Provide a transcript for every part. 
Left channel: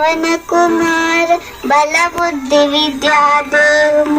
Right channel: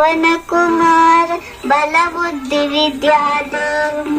पवन कुमार बल बुद्धि विद्या देव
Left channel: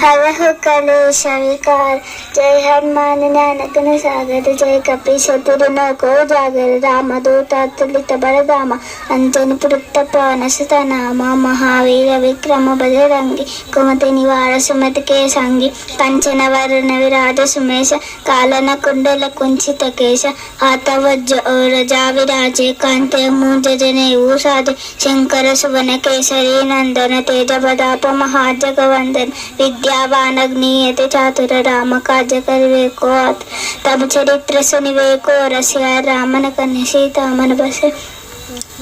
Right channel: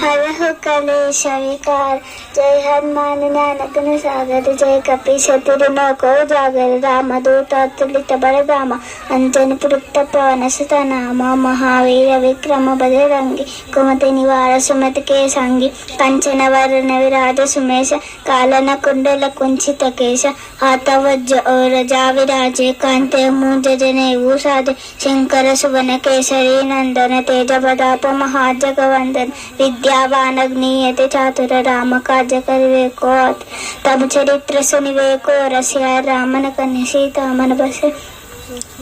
हरहु कलेश विकार। जय हनुमान ज्ञान गुण सागर जय कपीश तिरु को जागर। रामदूत अतुलित बलधामा अंजन पुरुष पवन सुत नामा। महावीर विक्रम बजरंगी कुमति निवार सुमति के संगी। कंचन वरण विराज सुमेश कालन कुंडल कुंचित केश। हाथ वज्र और जा विराजे कांते मूंज जनेऊ साजे। शंकर सुवन केसरी नंदन तेज प्रताप महाजगवंदन। विद्यावान अग्नियति चातुर राम काज करिवे को। तब चरित्र सुनिवे को रसिया रामन कन्या सीता मन बसे।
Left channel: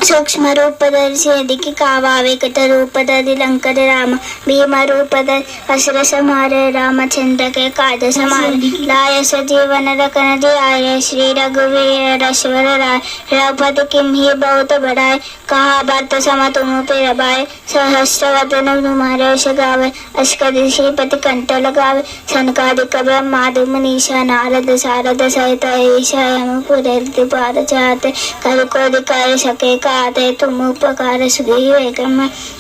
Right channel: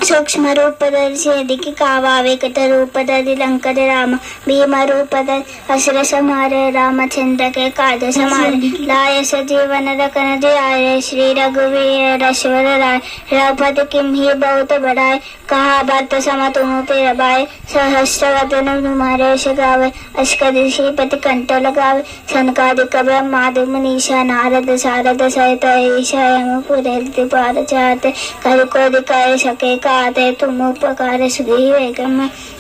सूक्ष्म रूप धरि दिखि कावा विकट रूप धरि लंकर राम। भीम रूप धरि असुर संहारे रामचंद्र के काज समारे। लाय सजीवन लखन जियाए श्री रघुवीर रघुवर राय। रघुपति किम्हि बहुत बड़ाई कहा भरत सम तुम पे रबाए। सहस्र वदन तुम्हारे यश गावे अस करि श्रीपति कंठ लगावे। सनकादिक ब्रह्मादि मुनीसा नारद सारद सहित ईशा यम पुरे पार चाहते। करि कोदि कर सके काते तुम उपकार सुग्रीव।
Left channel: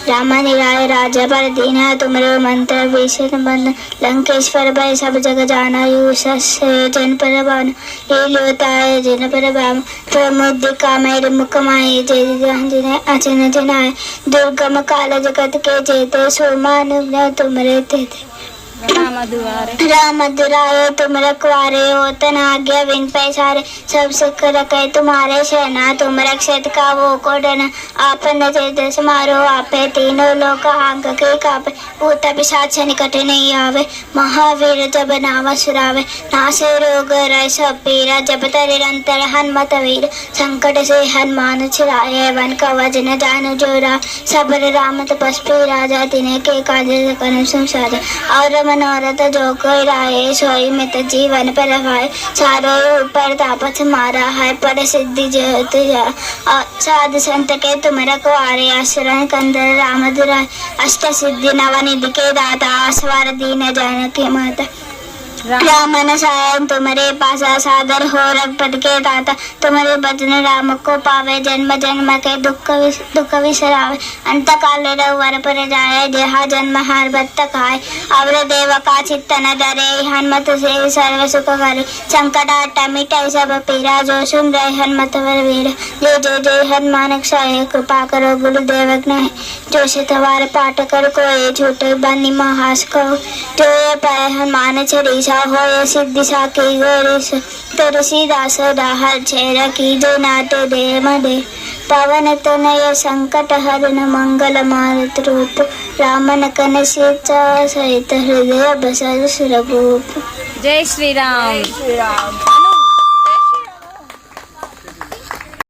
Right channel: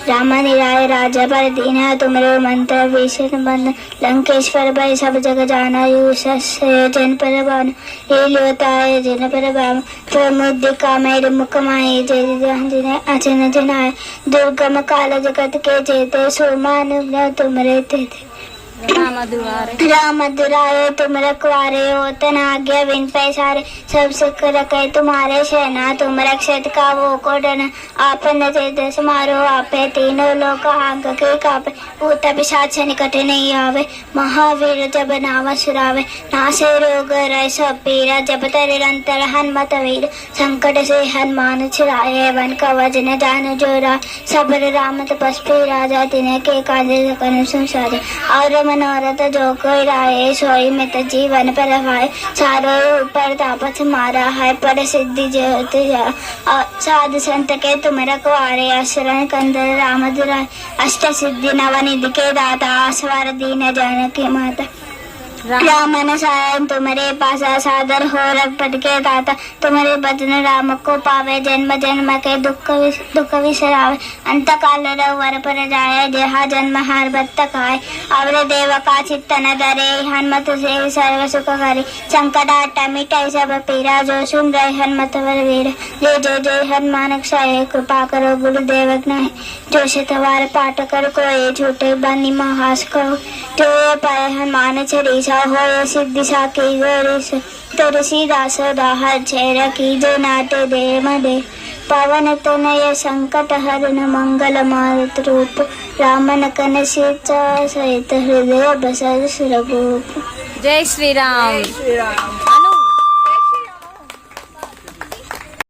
राम निराय राजा पर दीना तुमरे मंत्र भीषण बंद। लंकेश्वर भय सब जग जाना जन पर बान। ये लिवताय जन पर बाम प्रमुदिका मेरे मुख माए। जय अचन जनाय दुर्गम काल जगत के जेते। सुमान तुमरे तेते राम दुरारे तुम रखवारे हो। तन आज्ञा बिन पैसारे सब सिख रखे तुम्हारे सेना। तुम रक्षित का वो को डना आपन तेज समारो आपे। तीनों लोक आग के कापे भूत पिशाच निकट नहीं आवे। महावीर जब नाम सुरावे नासे रोग रह सब पीरा। जब निरंतर हनुमत वीर संकट से हनुमान छिड़ाए। वन कवच न जान जोरा सबर राम तपस्वी राजा। तिन्हें के काज सकल संसार और मनोरथ जो कोई राय। सोई मित जीवन पर लगाए सारे ऊपर तापस मारा है। पर सिद्धि जो साधु संत के तुम रखवारे। असुरन कंदर राम दुराय अष्ट सिद्धि नवनिधि के दाता। स्वर दीन जानकी माता राम सहाय तुम्हारे पासा। सादर हो रघुपति के दाता तुम्हारे भजन राम को पावे। जन्म जन्म के दुख विसरावे अंत काल रघुवर पर जाए। जहाँ जन्म हर बत खाए अवर देव का चित्त न डरे। हनुमत से सर्व सुख करे संकट हट मिटाई सब पीरा। जो सुन रहे हनुमत वर वीर जय जय जय हनुमान क्षय। कृपा करो गुरुदेव ज्ञाय जो शतवार पाठ कर कोई छूटे बनी महास को। जो पाए हनुमान चलीसा हो सिद्धि साकी गौरीस। तुलसीदास डाहर छेर की जो नाटे दे मदे। पवन तनय संकट हरण मंगल मारुत रूप। रामन कन सीता सहित हृदय बसर सुरभूप। जय श्री राम।